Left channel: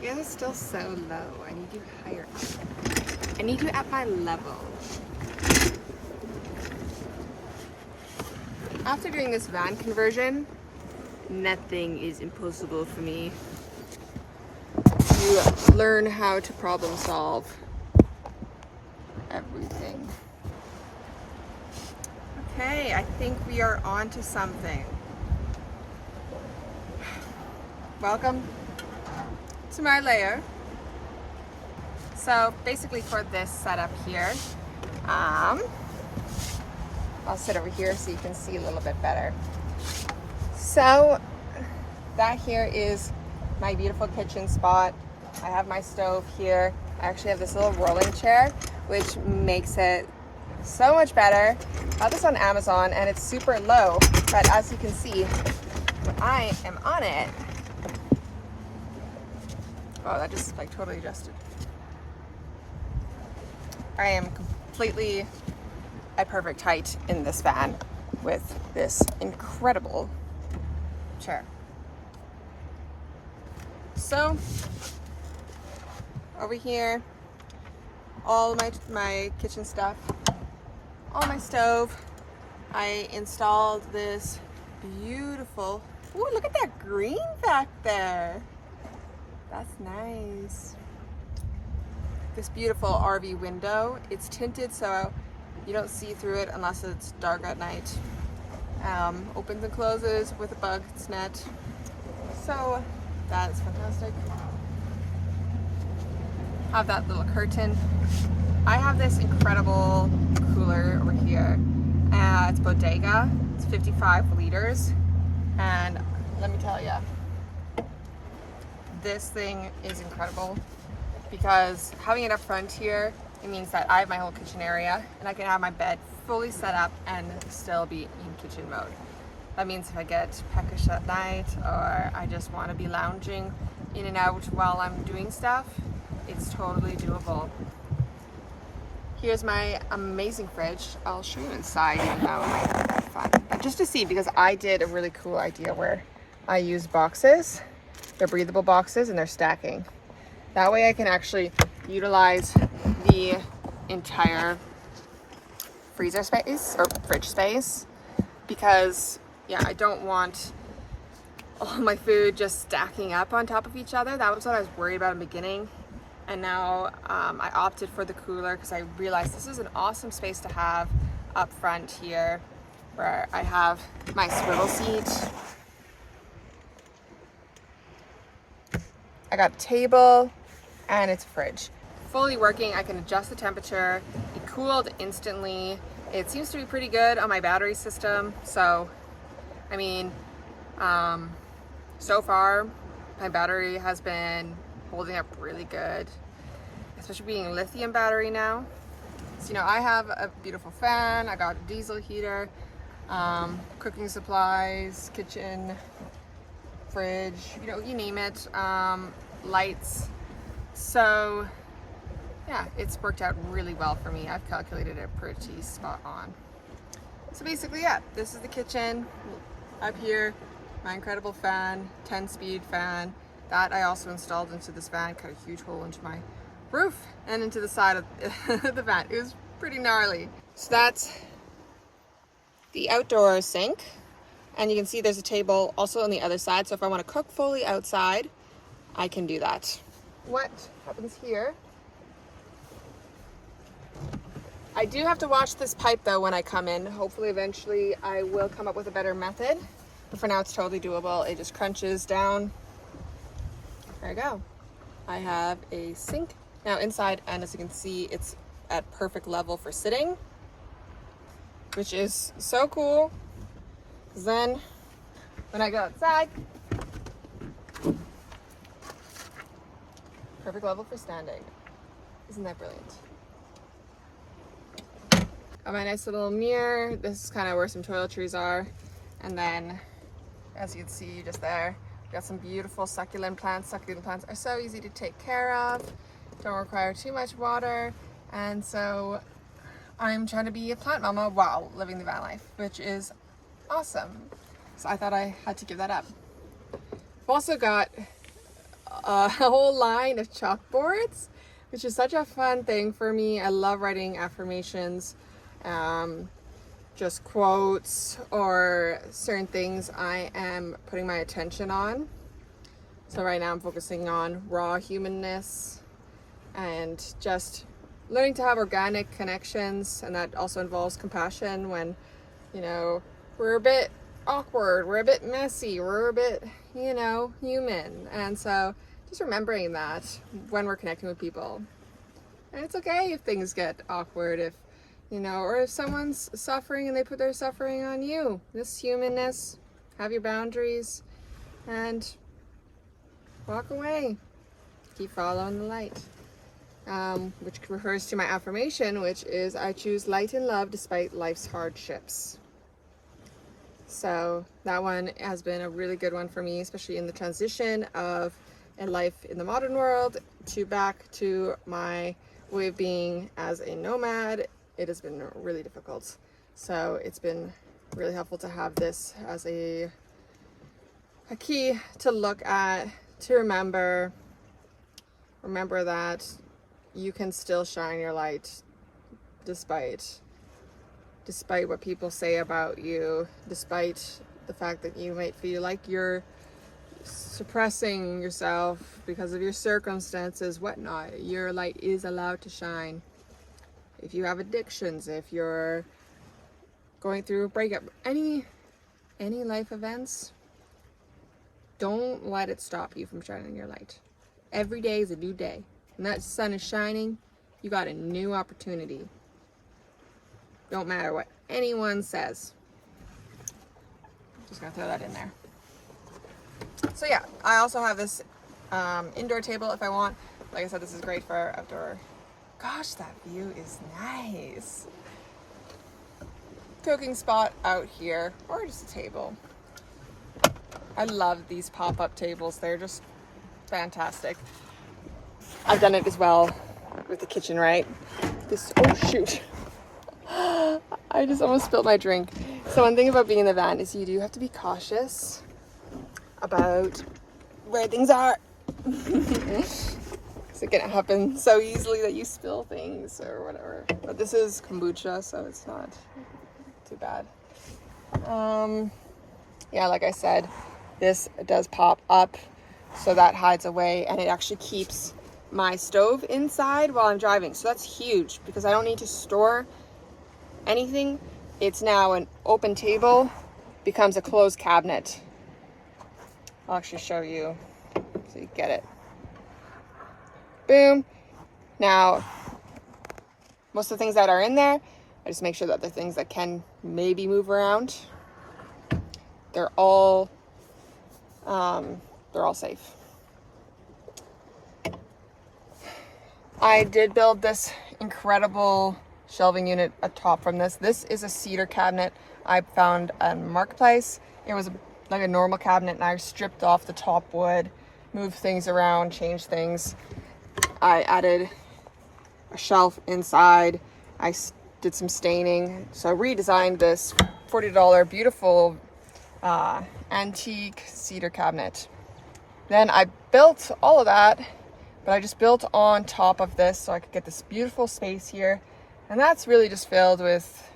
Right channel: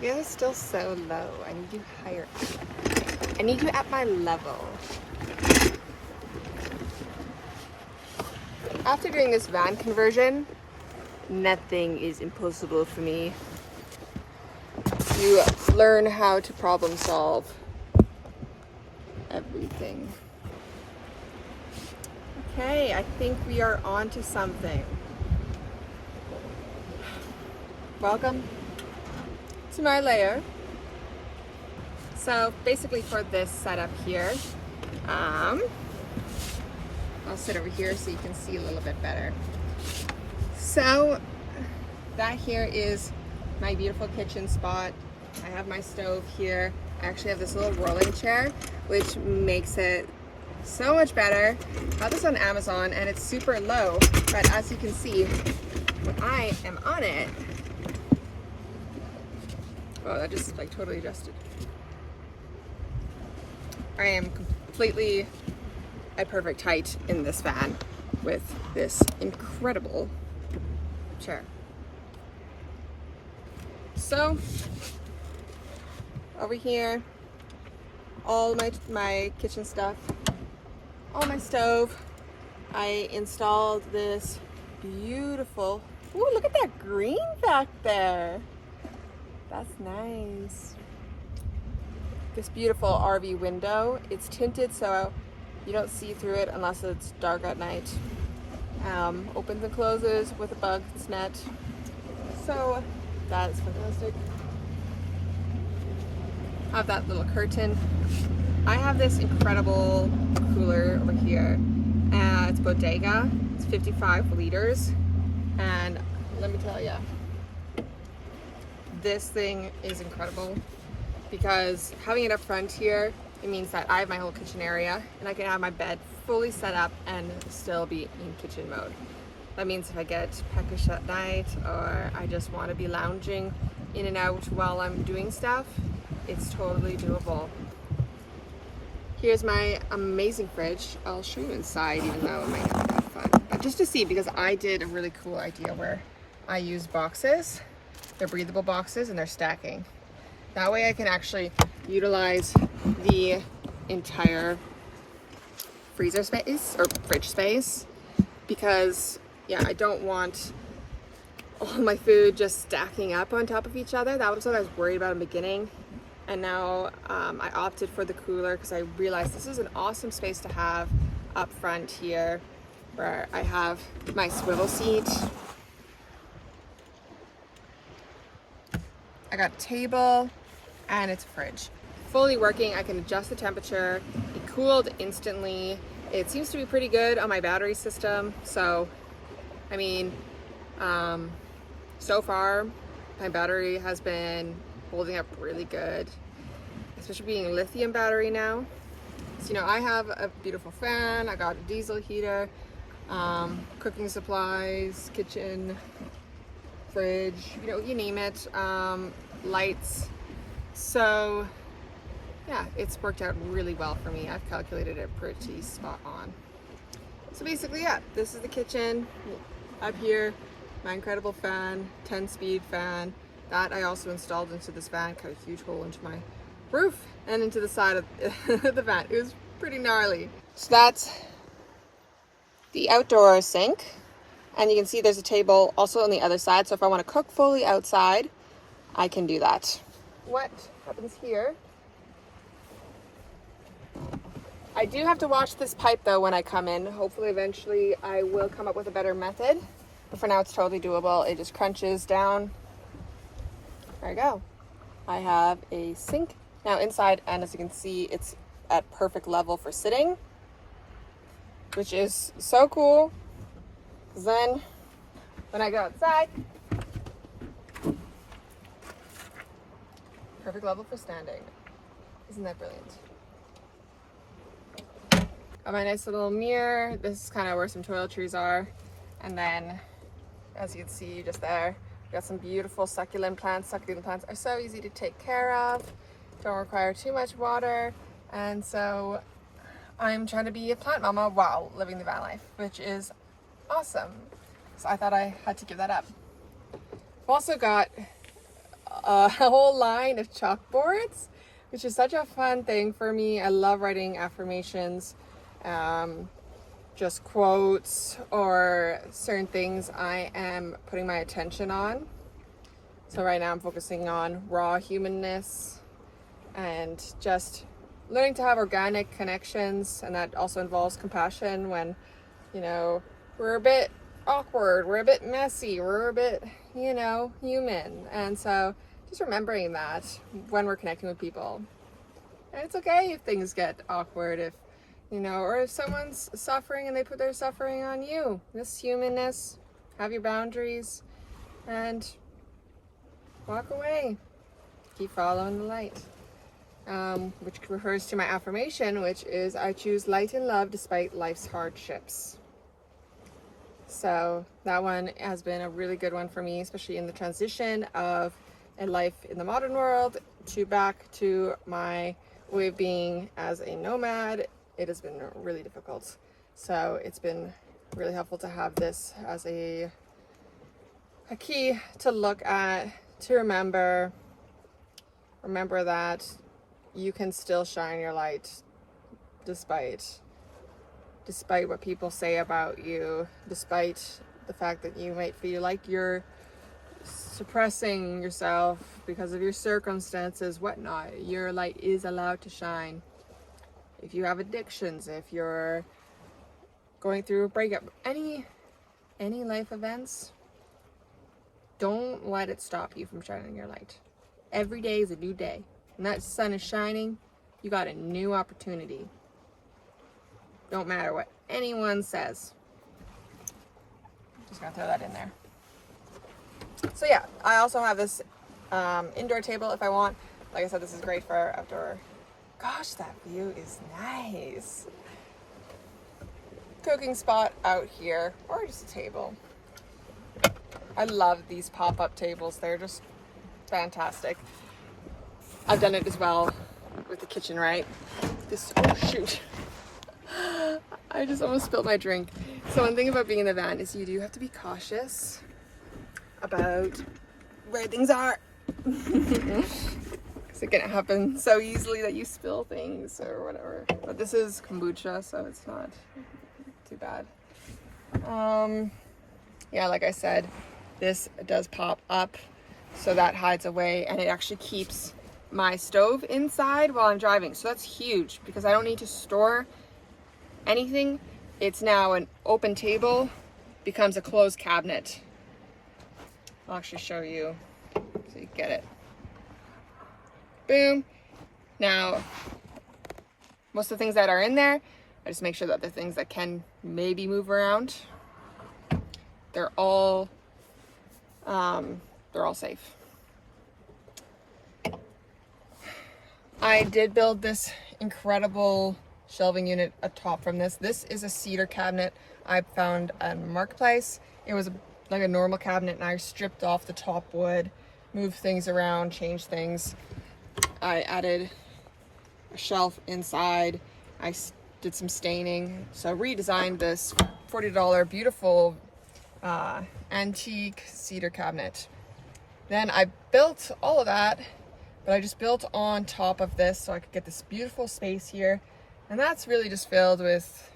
You guys are still so low. I need you higher up. I need you at my level. After doing this van conversion, nothing is impossible for me. You learn how to problem solve everything. Okay, I think we are on to something. Welcome to my lair. So basically for this setup here, I'll sit over here so you can see a little bit better. So that here is my beautiful kitchen spot. I have my stove here. I actually have this little rolling chair, which makes it so much better. I got this on Amazon and it's super low, but as you can see, when I am on it, oh, that just like totally adjusted. I am completely at perfect height in this van with this incredible chair. So over here, all my kitchen stuff, all my stove. I installed this beautiful, ooh, look at that green back there. That's nice. This beautiful RV window. It's tinted so you don't see through it unless it's dark at night. Opens and closes with a bug net. So that is fantastic. Have that little curtain. I have this incredible cooler over here. It's Bodega. It's 55 liters. And let me tell you, this thing is incredible because having it up front here, it means that I have my whole kitchen area and I can have my bed fully set up and still be in kitchen mode. That means if I get peckish at night or I just want to be lounging in and out while I'm doing stuff, it's totally doable. Here's my amazing fridge. I'll show you inside even though it might not be that fun. But just to see, because I did a really cool idea where I use boxes. They're breathable boxes and they're stacking. That way I can actually utilize the entire freezer space or fridge space because yeah, I don't want all my food just stacking up on top of each other. That was what I was worried about in the beginning. And now I opted for the cooler because I realized this is an awesome space to have up front here where I have my swivel seat. I got a table and it's a fridge. Fully working, I can adjust the temperature. It cooled instantly. It seems to be pretty good on my battery system. So, I mean, so far my battery has been holding up really good, especially being a lithium battery now. So, you know, I have a beautiful fan. I got a diesel heater, cooking supplies, kitchen, fridge, you know, you name it, lights. So yeah, it's worked out really well for me. I've calculated it pretty spot on. So basically, yeah, this is the kitchen. Up here, my incredible fan, 10-speed fan. That I also installed into this van, cut a huge hole into my roof and into the side of the van. It was pretty gnarly. So that's the outdoor sink. And you can see there's a table also on the other side. So if I want to cook fully outside, I can do that. What happens here? I do have to wash this pipe though when I come in. Hopefully eventually I will come up with a better method. But for now it's totally doable. It just crunches down. There you go. I have a sink now inside, and as you can see, it's at perfect level for sitting, which is so cool. Then when I go outside, perfect level for standing. Isn't that brilliant? Got my nice little mirror. This is kind of where some toiletries are. And then, as you can see just there, got some beautiful succulent plants. Succulent plants are so easy to take care of, don't require too much water. And so I'm trying to be a plant mama while living the van life, which is awesome. So I thought I had to give that up. I've also got a whole line of chalkboards, which is such a fun thing for me. I love writing affirmations, just quotes or certain things I am putting my attention on. So right now I'm focusing on raw humanness and just learning to have organic connections, and that also involves compassion when, you know, we're a bit awkward, we're a bit messy, we're a bit, you know, human. And so just remembering that when we're connecting with people. And it's okay if things get awkward, if, you know, or if someone's suffering and they put their suffering on you. This humanness, have your boundaries, and walk away. Keep following the light. Which refers to my affirmation, which is I choose light and love despite life's hardships. So that one has been a really good one for me, especially in the transition of a life in the modern world to back to my way of being as a nomad. It has been really difficult. So it's been really helpful to have this as a key to look at, to remember that you can still shine your light despite what people say about you, despite the fact that you might feel like you're suppressing yourself because of your circumstances, whatnot. Your light is allowed to shine. If you have addictions, if you're going through a breakup, any life events, don't let it stop you from shining your light. Every day is a new day. When that sun is shining, you got a new opportunity. Don't matter what anyone says. Just gonna throw that in there. So yeah, I also have this indoor table if I want. Like I said, this is great for outdoor. Gosh, that view is nice. Cooking spot out here, or just a table. I love these pop-up tables. They're just fantastic. I've done it as well with the kitchen, right? Oh shoot. I just almost spilled my drink. So one thing about being in the van is you do have to be cautious about where things are. Because it can happen so easily that you spill things or whatever. But this is kombucha, so it's not too bad. Yeah, like I said, this does pop up, so that hides away, and it actually keeps my stove inside while I'm driving. So that's huge because I don't need to store anything. It's now an open table, becomes a closed cabinet. I'll actually show you so you get it. Boom. Now, most of the things that are in there, I just make sure that the things that can maybe move around, they're all safe. I did build this incredible shelving unit atop from this. This is a cedar cabinet I found on Marketplace. It was like a normal cabinet, and I stripped off the top wood, moved things around, changed things. I added a shelf inside. I did some staining. So I redesigned this $40 beautiful antique cedar cabinet. Then I built all of that, but I just built on top of this so I could get this beautiful space here. And that's really just filled with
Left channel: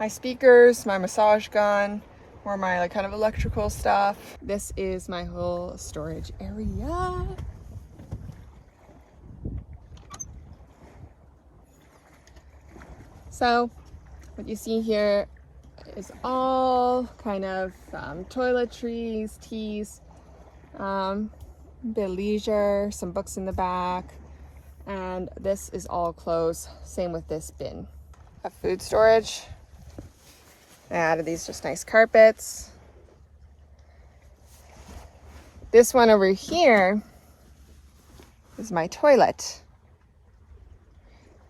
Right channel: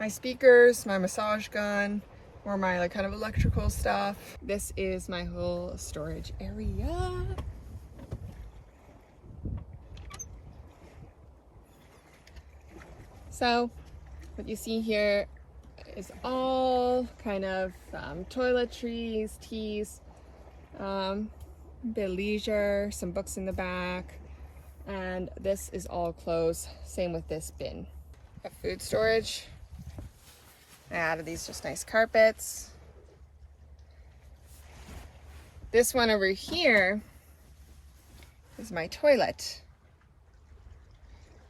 my speakers, my massage gun, or my like kind of electrical stuff. This is my whole storage area. So what you see here is all kind of toiletries, teas, a bit of leisure, some books in the back, and this is all clothes. Same with this bin. A food storage. I added these just nice carpets. This one over here is my toilet.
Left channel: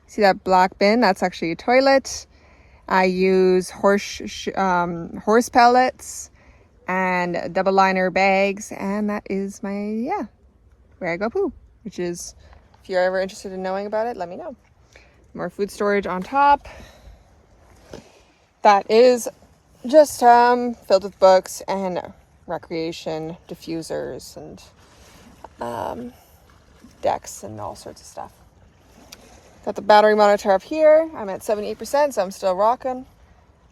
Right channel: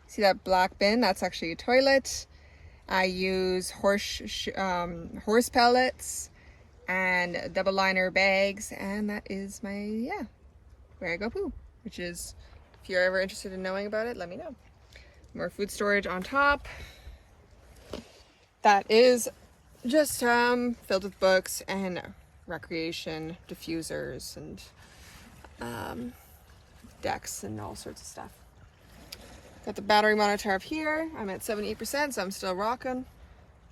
See that black bin? That's actually a toilet. I use horse pellets and double liner bags, and that is my, where I go poo, which is, if you're ever interested in knowing about it, let me know. More food storage on top. That is just filled with books and recreation diffusers and decks and all sorts of stuff. Got the battery monitor up here. I'm at 78%, so I'm still rocking.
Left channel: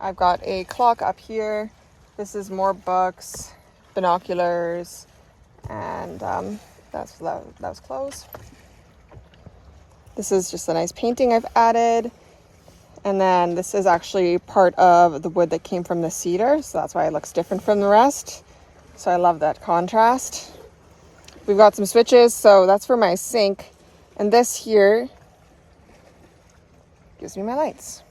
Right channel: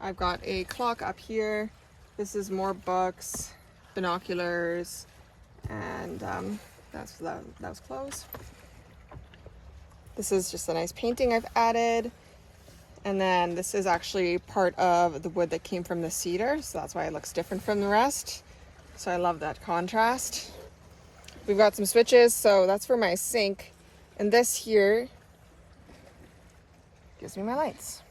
I've got a clock up here. This is more books, binoculars, and that was clothes. This is just a nice painting I've added. And then this is actually part of the wood that came from the cedar, so that's why it looks different from the rest. So I love that contrast. We've got some switches, so that's for my sink. And this here gives me my lights.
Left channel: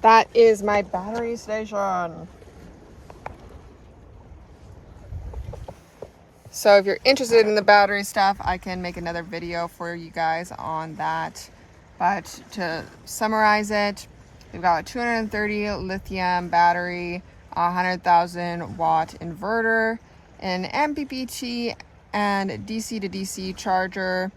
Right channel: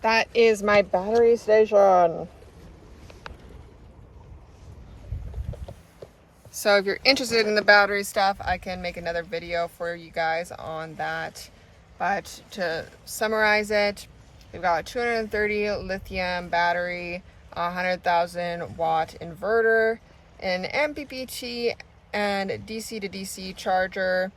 That is my battery station. So if you're interested in the battery stuff, I can make another video for you guys on that. But to summarize it, we've got a 230 lithium battery, a 100,000 watt inverter, an MPPT and DC to DC charger.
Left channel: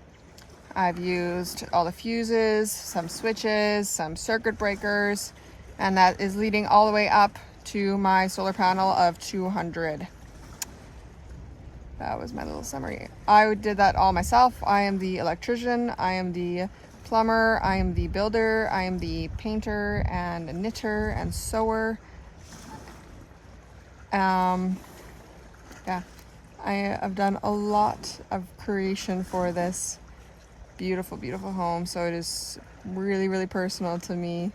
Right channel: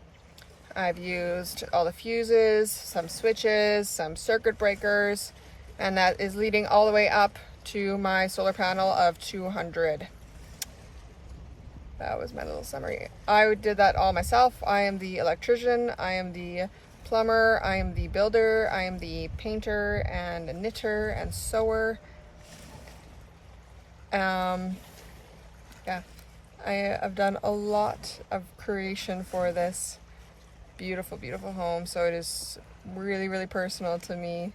I've used all the fuses, some switches, some circuit breakers, and that is leading all the way up to my solar panel of 200. That was my little summary. I did that all myself. I am the electrician, I am the plumber, I am the builder, I am the painter and knitter and sewer. Yeah, I've done a lot of creation for this beautiful, beautiful home. So it is really, really personal to me.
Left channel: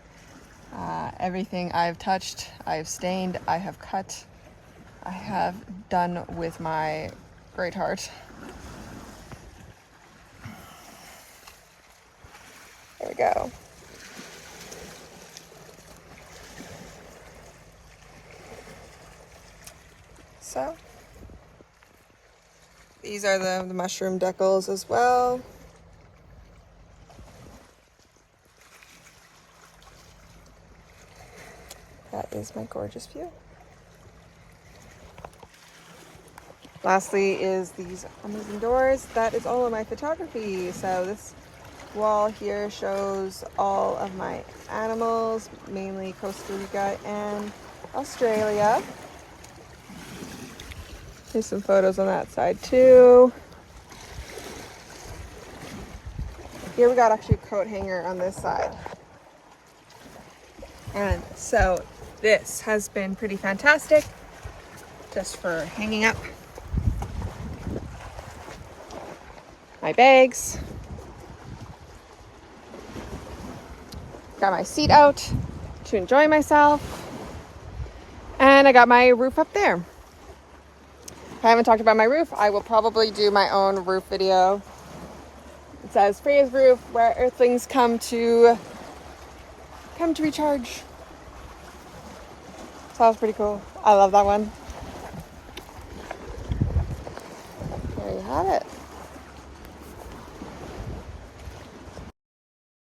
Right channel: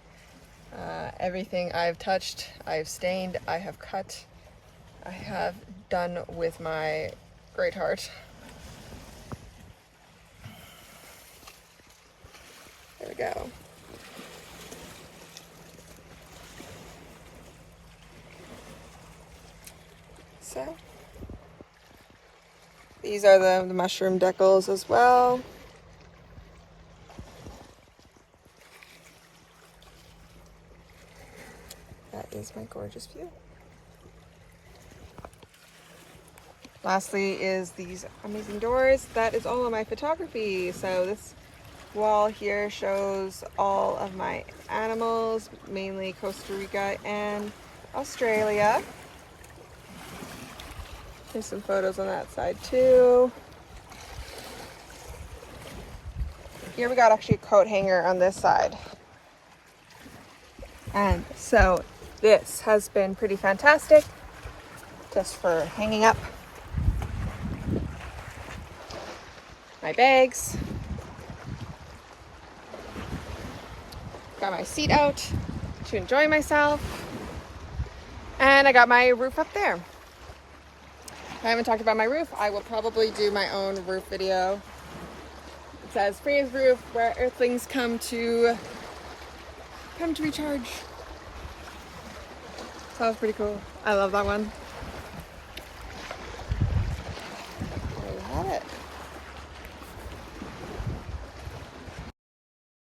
Everything I've touched, I've stained, I have cut, I have done with my great heart. There we go. So these are the mushroom decals as well. That is my gorgeous view. Lastly is these amazing doors. That is all of my photography. So this wall here shows all of my animals, mainly Costa Rica and Australia. There's some photos on that side too. Here we got actually a coat hanger on this side. And so this has been pretty fantastic just for hanging up my bags. Got my seat out to enjoy myself. And I got my roof up there. I haven't talked about my roof. I will probably do my own roof video. It says Freya's roof, where earthlings come to recharge. Sounds pretty cool. I love that one. There you have it.